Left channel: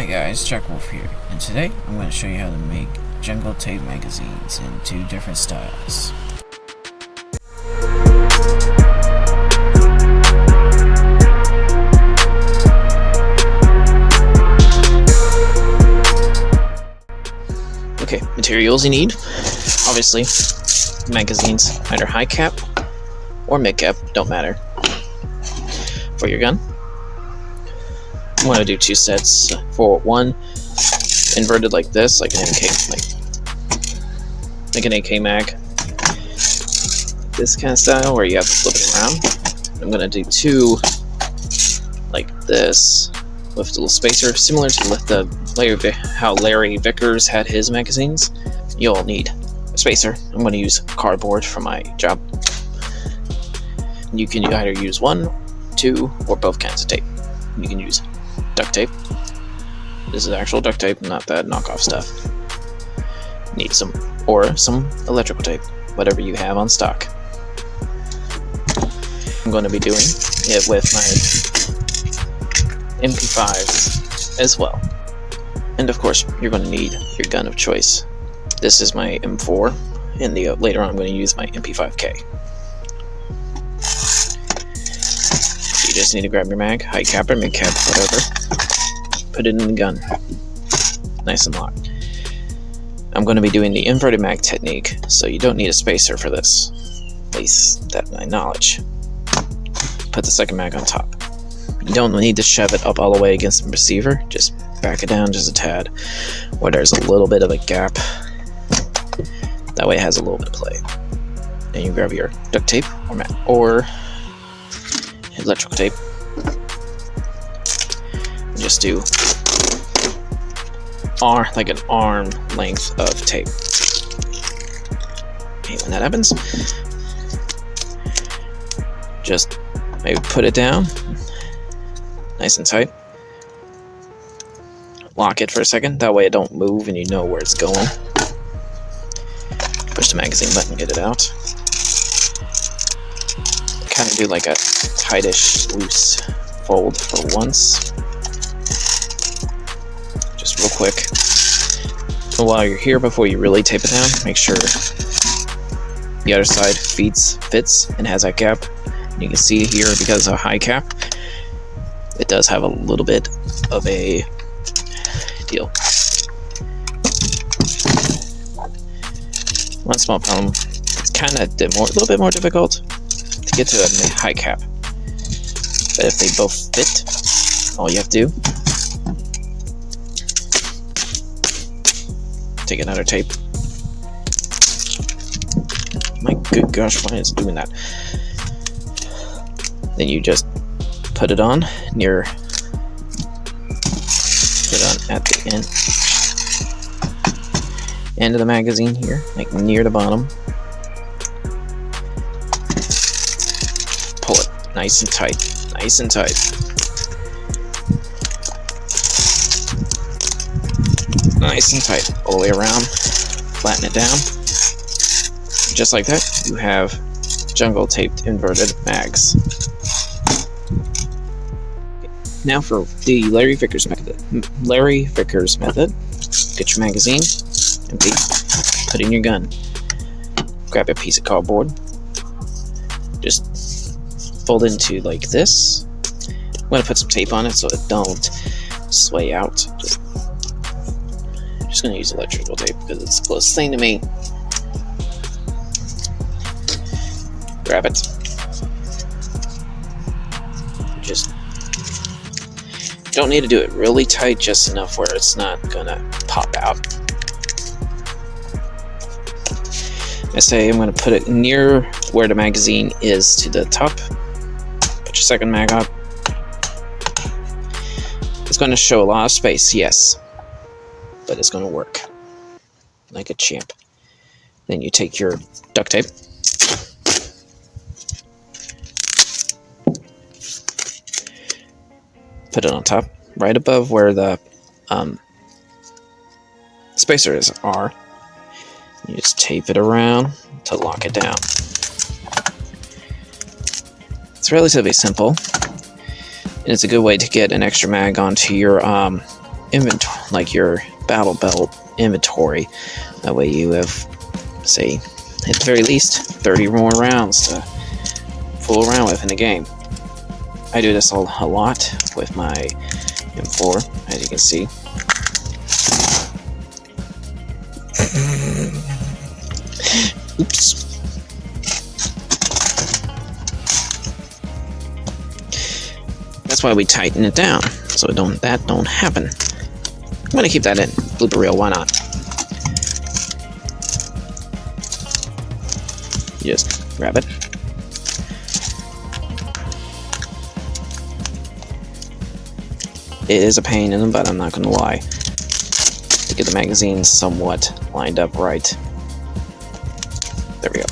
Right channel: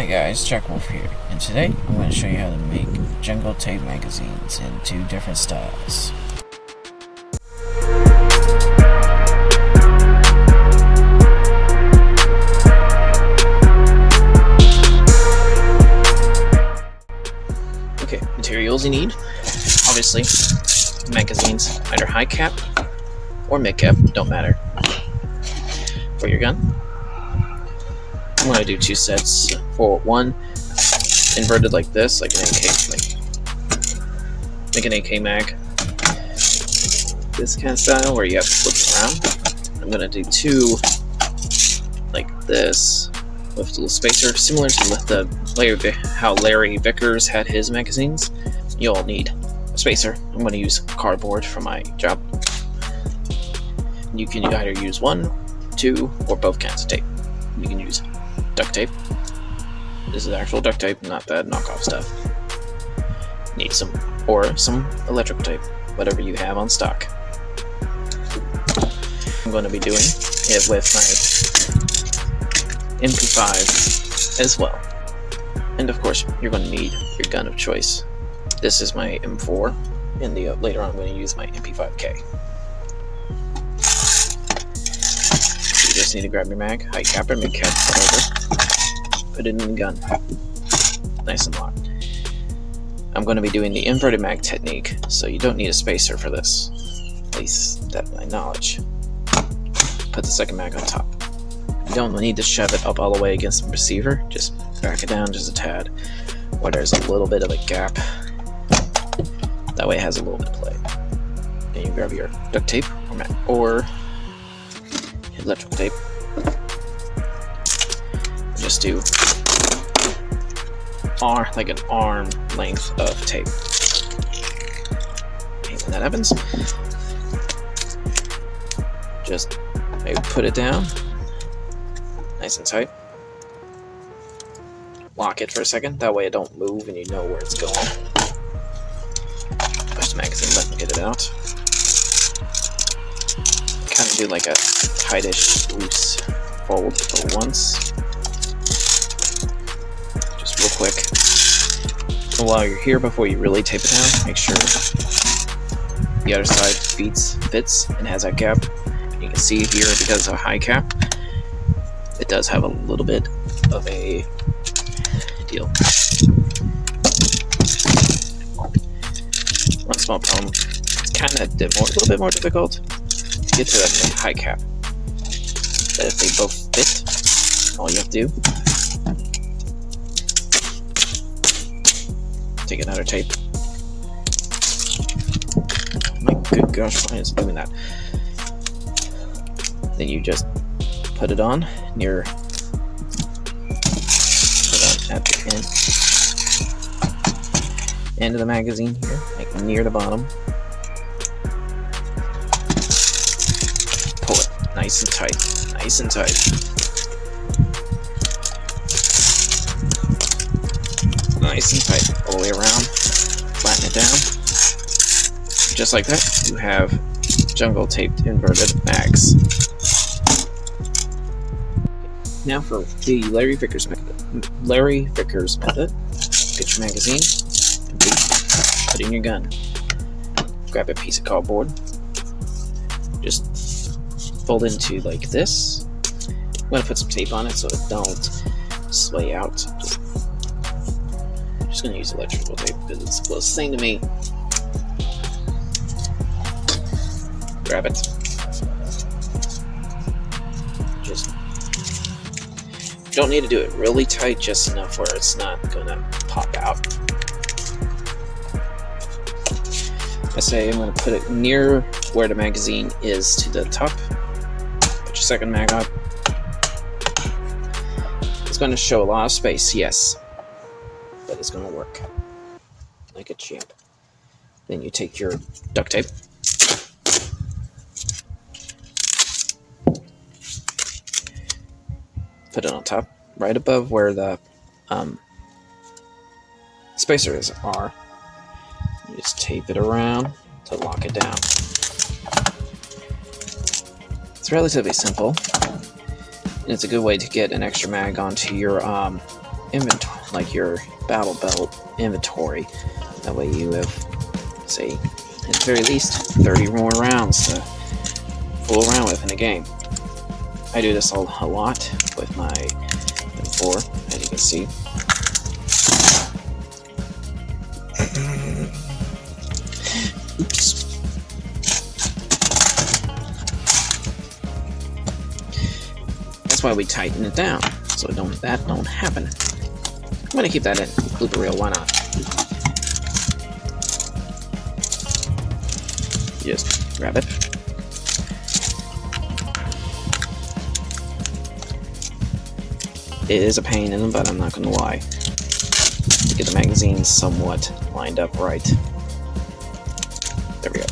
Hi guys, Chuck Wolf here, and today I'm going to show you how to make jungle tape magazines in 2 different styles. Okay, materials you need. Obviously, magazines, either high cap or mid cap, don't matter. For your gun, I'm going to do 2 sets. For one, inverted like this, like an AK mag. This kind of style where you have to flip it around. I'm going to do 2 like this with a little spacer, similar to how Larry Vickers had his magazines. You'll need a spacer. I'm going to use cardboard for my job. You can either use 1, 2, or both kinds of tape. You can use duct tape. This is actual duct tape, not that knockoff stuff. Need some electrical tape, whatever you have on stock. I'm going to be doing it with my MP5s as well. And of course, you're going to need your gun of choice. This is my M4, and later on I'm going to use my MP5K. You just need to grab your mag, high cap or mid cap, whatever. Put it in the gun, nice and locked. I'm going to be doing the inverted mag technique, so you don't need a spacer for this, at least that's my knowledge. Put the second mag on top. You don't need to shove it up all the way against the receiver, just back it down just a tad, where there's a little bit of a gap. That way it has a little bit of play. Then you grab your duct tape or electrical tape. Just do like an arm length of tape. And when that happens, just maybe put it down nice and tight. Lock it for a second, that way it don't move and you know where it's going. Push the magazine button, get it out. Kind of do like a tightish loose fold for once. Just real quick. So while you're here, before you really tape it down, make sure the other side fits and has that gap. And you can see here, because of a high cap, it does have a little bit of a deal. One small problem, it's kind of a little bit more difficult to get to that high cap. But if they both fit, all you have to do, take another tape. My good gosh, why is it doing that? Then you just put it on at the end of the magazine here, like near the bottom. Pull it nice and tight, nice and tight. Nice and tight all the way around. Flatten it down. Just like that, you have jungle taped inverted mags. Now for the Larry Vickers method. Get your magazine, empty, put it in your gun. Grab a piece of cardboard. Just fold it into like this. I'm going to put some tape on it so it don't sway out. Just going to use electrical tape because it's the closest thing to me. Grab it. Just don't need to do it really tight, just enough where it's not going to pop out. I say I'm going to put it near where the magazine is to the top. Put your second mag on. It's going to show a lot of space, yes. But it's going to work like a champ. Then you take your duct tape, put it on top, right above where the spacers are. You just tape it around to lock it down. It's relatively simple, and it's a good way to get an extra mag onto your inventory, like your battle belt inventory. That way you have, say, at the very least, 30 more rounds to fool around with in the game. I do this a lot with my M4, as you can see. Oops. That's why we tighten it down, so that don't happen. I'm gonna keep that in blooper reel. Why not? Just grab it. It is a pain in the butt, I'm not gonna lie, to get the magazine somewhat lined up right. There we go.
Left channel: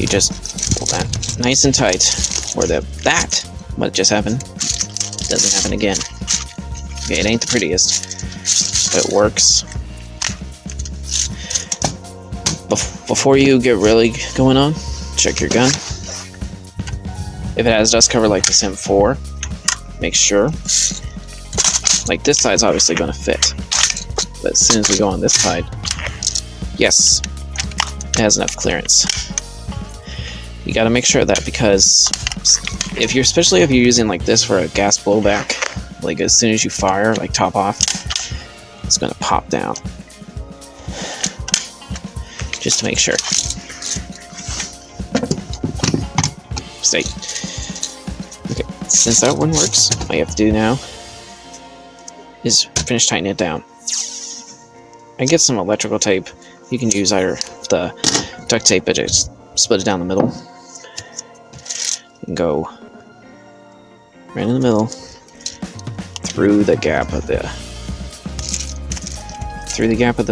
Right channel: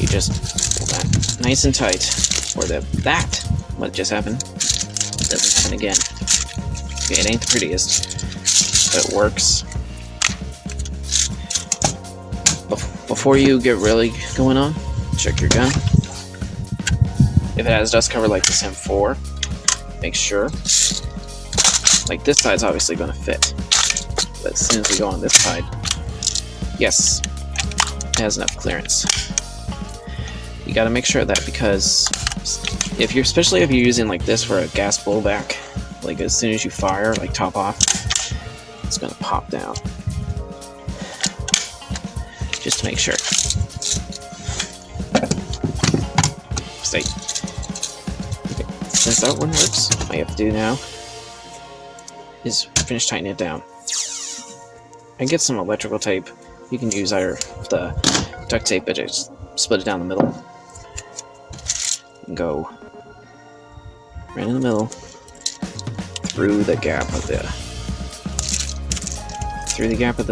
You just pull that nice and tight, or what just happened doesn't happen again. Okay, it ain't the prettiest, but it works. Before you get really going on, check your gun. If it has dust cover like this M4, make sure. Like this side's obviously going to fit, but as soon as we go on this side, yes, it has enough clearance. You got to make sure of that, because especially if you're using like this for a gas blowback, like as soon as you fire, like top off, it's going to pop down. Just to make sure. Stay. Okay, since that one works, all you have to do now is finish tightening it down. And get some electrical tape. You can use either the duct tape, but just split it down the middle. And go right in the middle through the gap of the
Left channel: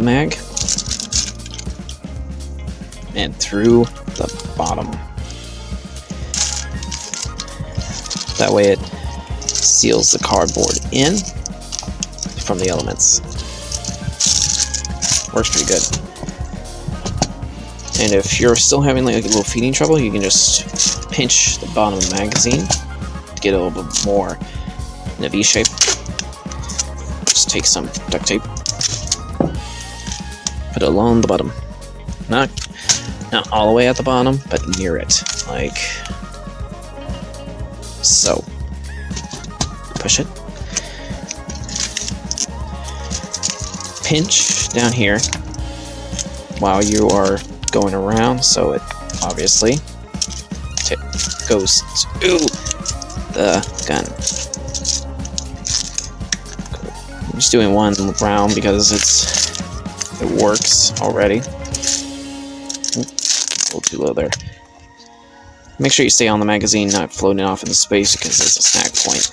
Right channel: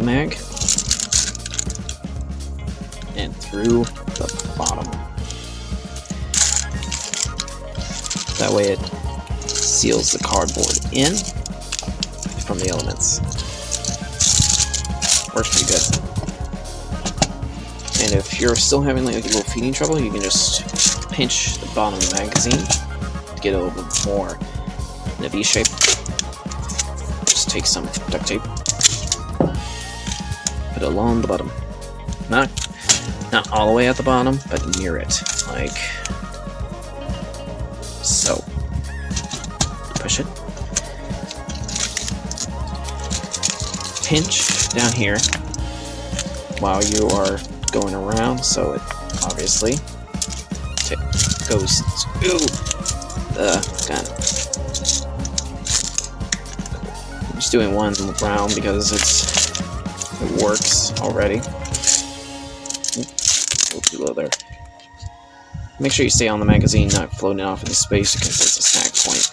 mag and through the bottom. That way it seals the cardboard in from the elements. Works pretty good. And if you're still having like a little feeding trouble, you can just pinch the bottom of the magazine to get a little bit more in a V shape. Just take some duct tape, put it along the bottom. Not all the way at the bottom, but near it, like so. Push it. Pinch down here while you are going around, so it obviously goes to the gun. I'm just doing one round because it works already. A little too low there. Make sure you stay on the magazine, not floating off into space, because it's a snack point.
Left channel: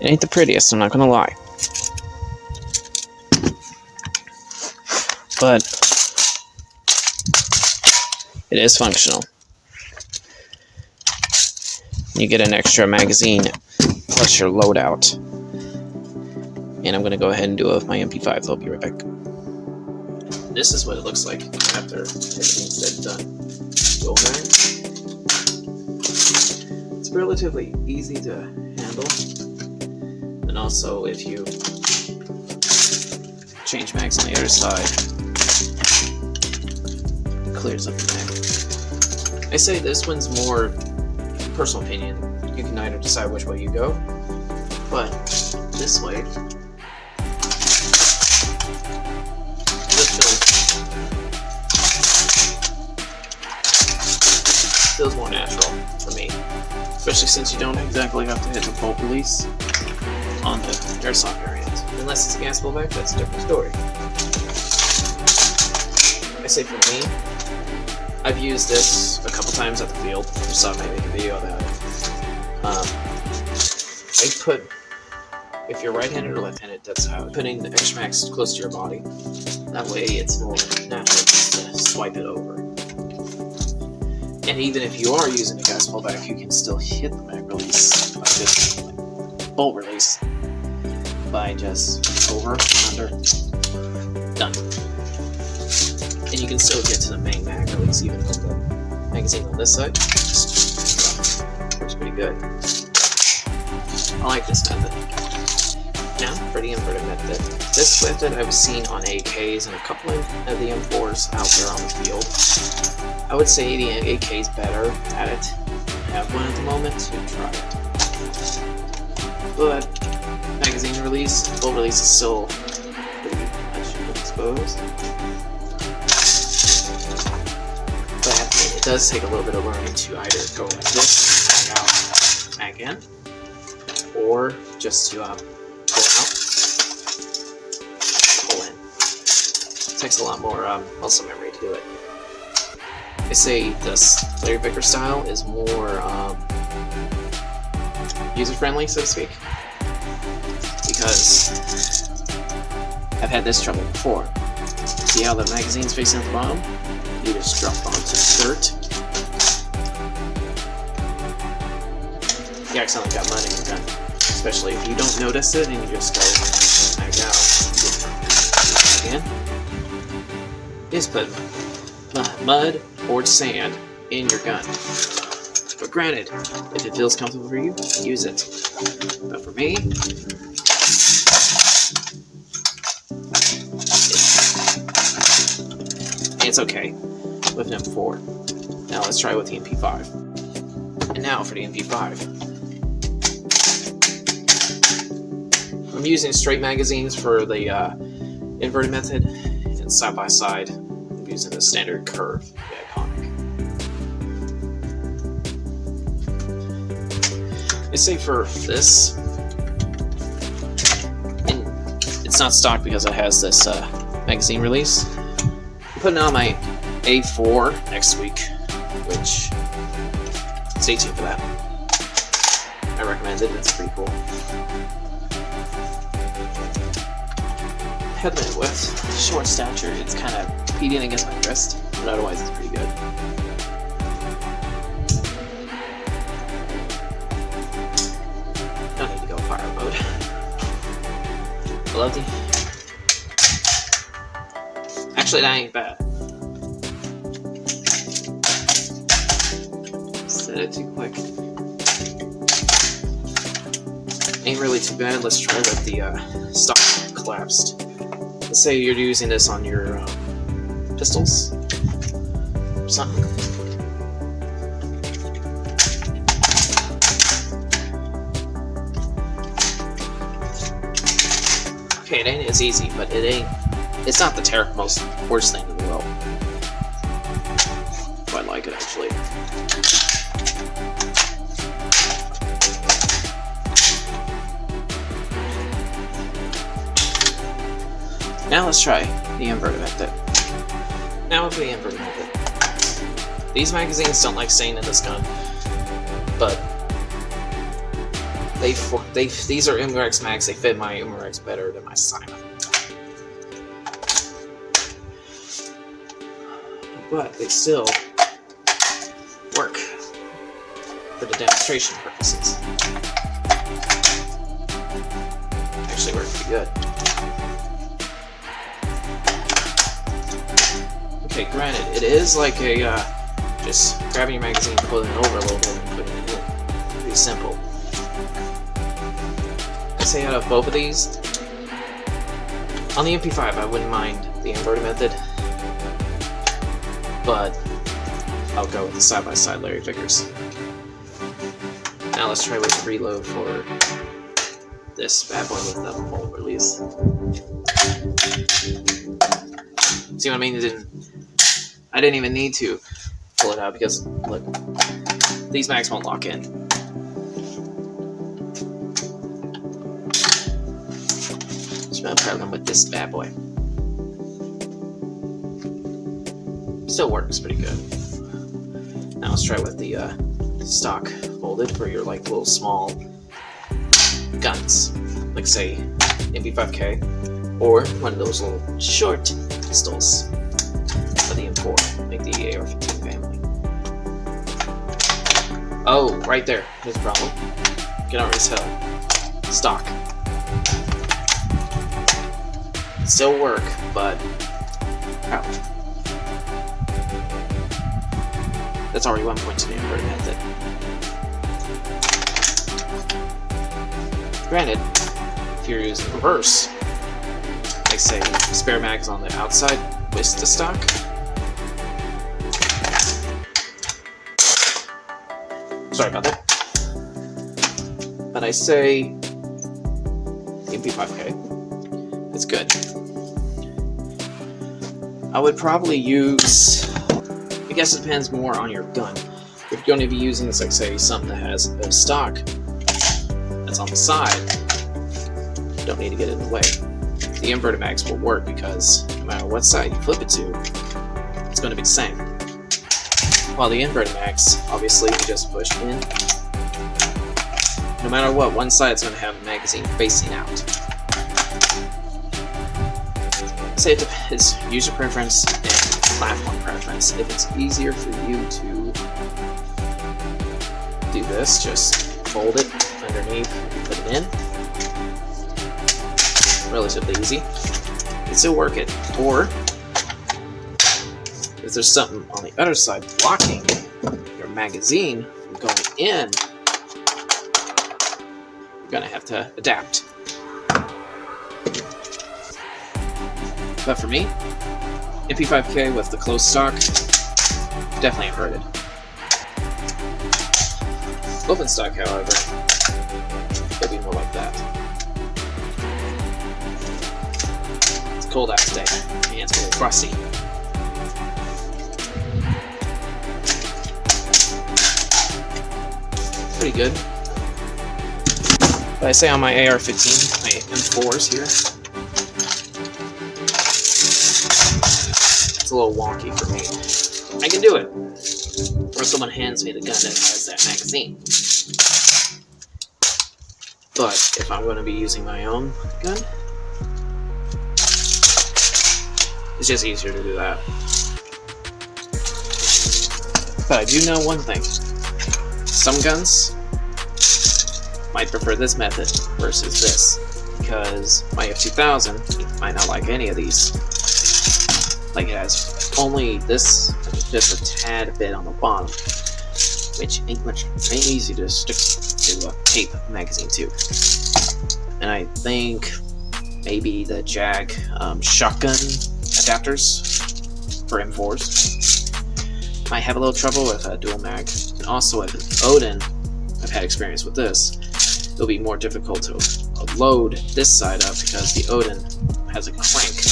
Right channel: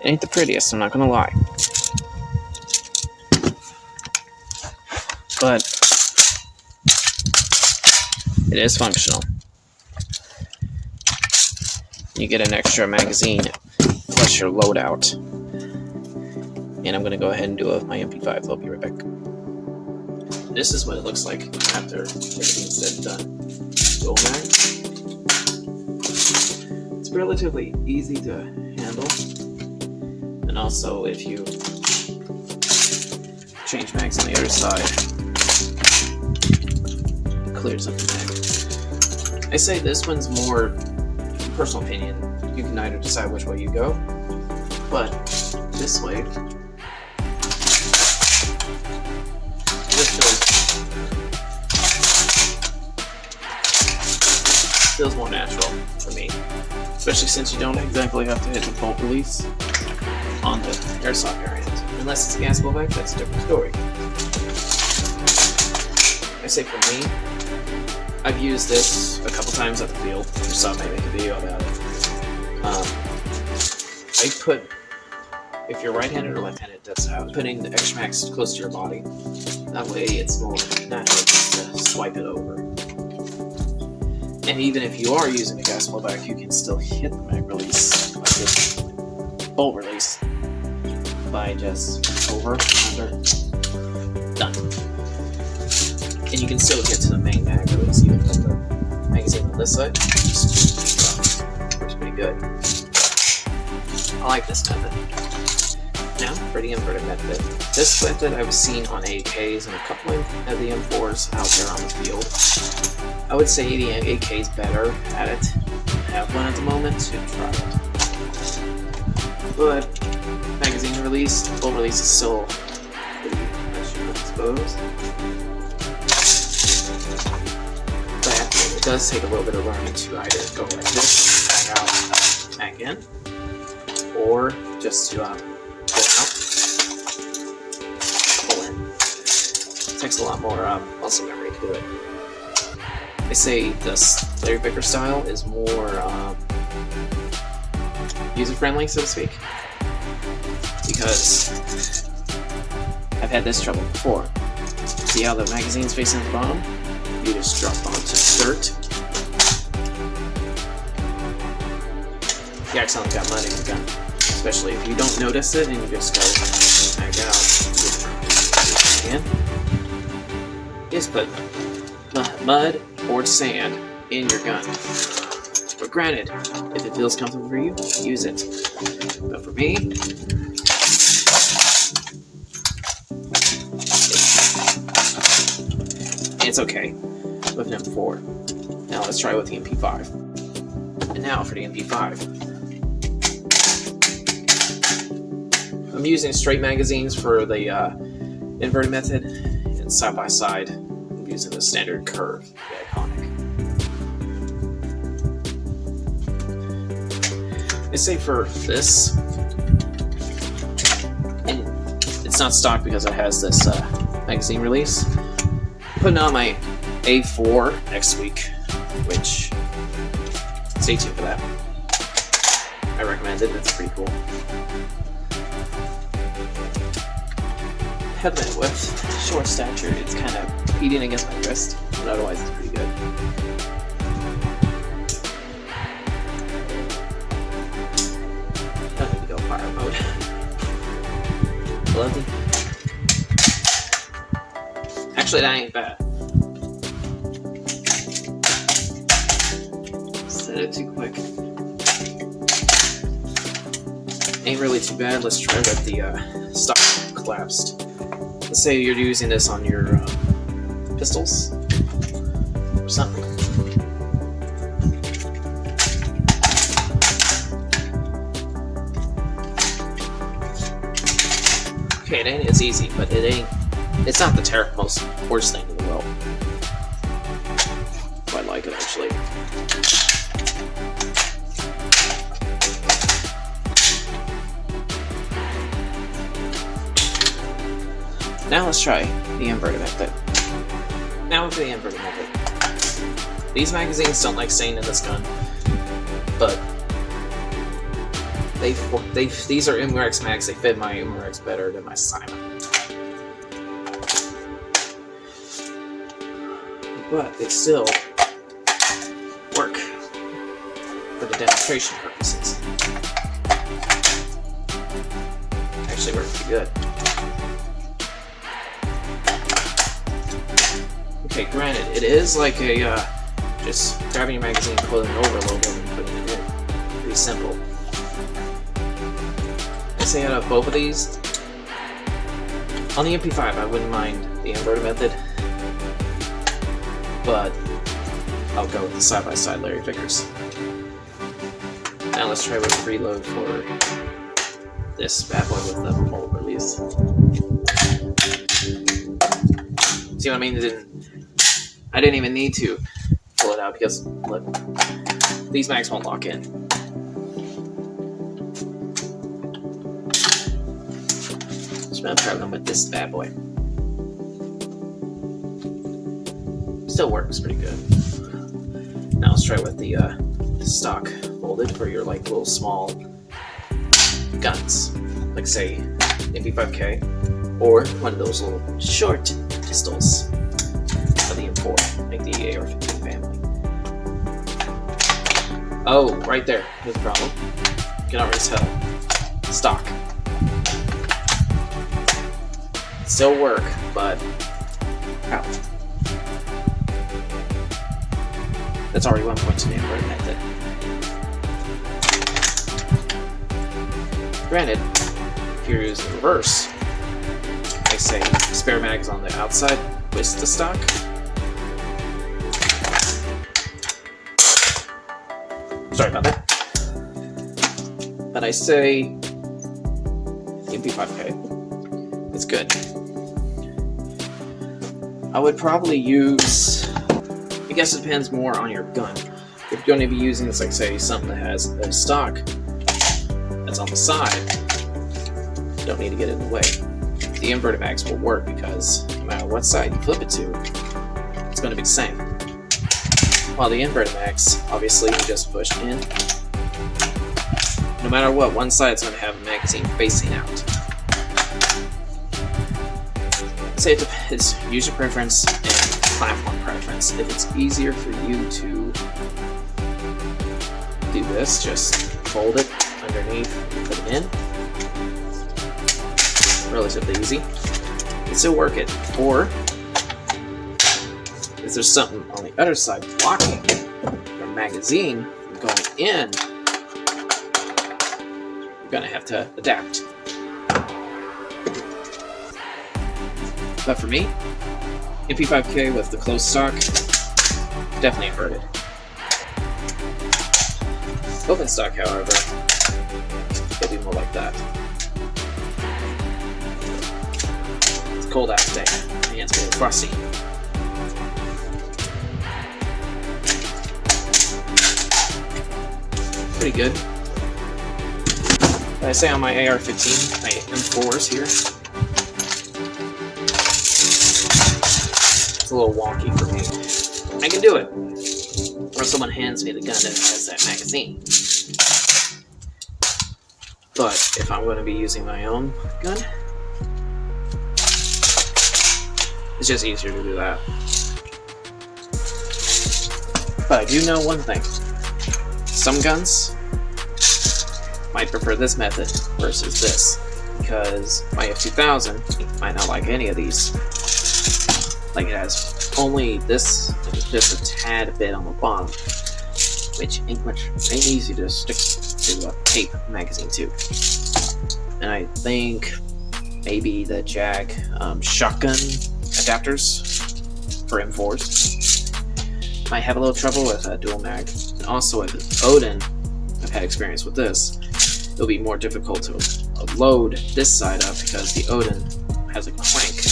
It ain't the prettiest, I'm not gonna lie. But it is functional. You get an extra magazine plus your loadout. And I'm gonna go ahead and do it with my MP5, so I'll be right back. This is what it looks like after everything's said and done. Dual mag. It's relatively easy to handle. And also, if you change mags on the other side, it clears up the mag. I say this one's more personal opinion. You can either decide which way you go, but this way, feels more natural for me, especially since you don't exactly have to hit the bolt release on the Airsoft variant. Unless it's a gas blowback, that's a different story. I say for me, I've used this a couple times at the field. You saw me make a video about it. I put, if you're right-handed or left-handed, that's how putting the extra max close to your body. That way it's more natural just to swipe it over. And even if you are using a gas blowback, you can still hit the mag release, like this bolt release, by just over, under, done. And you can still get to the main mag release even with the magazine on this side. Just drop good. I like this method. Now for the inverted method. This method I've seen on AKs and a couple of the M4s out there on the field. I would say the AK is better at it. I have one at the moment, so try it. But magazine release, full release is still pretty much exposed. But it does take a little bit of learning to either go like this, mag out, mag in, or just to pull out, pull in. It takes a lot more muscle memory to do it. They say this Larry Vickers style is more user-friendly, so to speak, because I've had this trouble before. See how the magazine's facing at the bottom? You just drop onto insert. You accidentally got mud in your gun, especially if you don't notice it and you just go mag out. Again, just put mud or sand in your gun. But granted, if it feels comfortable for you, use it. But for me, it's okay with an M4. Now let's try with the MP5. And now for the MP5. I'm using straight magazines for the inverted method, and side by side, I'm using the standard curve, the iconic. I say for this, and it's not stock because it has this magazine release. I'm putting on my A4 next week, which, stay tuned for that. I recommend it, it's pretty cool. Headband with short stature, it's kind of beating against my wrist, but otherwise it's pretty good. Don't need to go fire mode. Bloody. Actually, that ain't bad. Set it too quick. Ain't really too bad. Let's try with the stock collapsed. Let's say you're using this on your pistols or something. Okay, it ain't as easy, but it's not the most worst thing in the world. Quite like it, actually. Now let's try the inverted method. Now for the inverted method. These magazines don't like staying in this gun, but these are Umarex mags. They fit my Umarex better than my Simon. But they still work for the demonstration purposes. Actually work pretty good. Okay, granted, it is like a just grabbing your magazine, pulling it over a little bit, and putting it in. Pretty simple. I'd say out of both of these, on the MP5, I wouldn't mind the inverted method, but I'll go with the side-by-side Larry Vickers. Now let's try with the reload for this bad boy with the full release. See what I mean? I didn't even need to pull it out because, look, these mags won't lock in. Just gonna grab them with this bad boy. Still works pretty good. Now let's try with the stock folded for your like little small guns, like say MP5K, or one of those little short pistols. The M4, like the AR-15 family. Oh, right there. Here's the problem. You can already tell. Stock. Still work, but out. That's already 1 point to the inverted method. Granted, if you're using reverse, like say spare mags on the outside with the stock, sorry about that, but I say MP5K, it's good. I would probably use, I guess it depends more on your gun. If you're going to be using this, like say something that has a stock that's on the side, you don't need to get in the way. The inverted mags will work because no matter what side you flip it to, it's going to be the same. While the inverted mags, obviously you just push in. No matter what, one side is going to have a magazine facing out. Say it depends, user preference and platform preference. If it's easier for you to do this, just fold it underneath and put it in. Relatively easy. You can still work it. Or if there's something on the other side blocking your magazine from going in, you're gonna have to adapt. But for me, MP5K with the closed stock, definitely inverted. Open stock, however, it'll be more like that. It's cold out today. My hands are a little frosty. Pretty good. But I say on my AR-15, my M4s here, it's a little wonky for me. I can do it. Or someone hands me the gun that has that magazine. But if I'm going to be using my own gun, it's just easier to do that. But I do know one thing. Some guns might prefer this method versus this, because my F2000 might not like any of these. Like it has only this, just a tad bit on the bottom, which ain't easy to stick to a tape magazine to. And I think maybe the Jag shotgun adapters for M4s might have a little trouble with a dual mag. And also with Odin, I've had experience with this, it'll be more difficult to load this side up because the Odin has a crank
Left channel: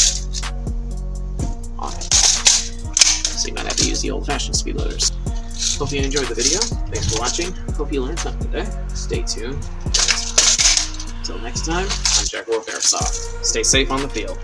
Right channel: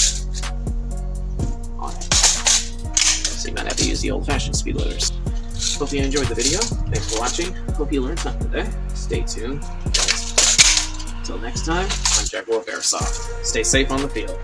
on it. So you might have to use the old-fashioned speed loaders. Hope you enjoyed the video. Thanks for watching. Hope you learned something today. Stay tuned. Until next time, I'm Jack Wolf Airsoft. Stay safe on the field.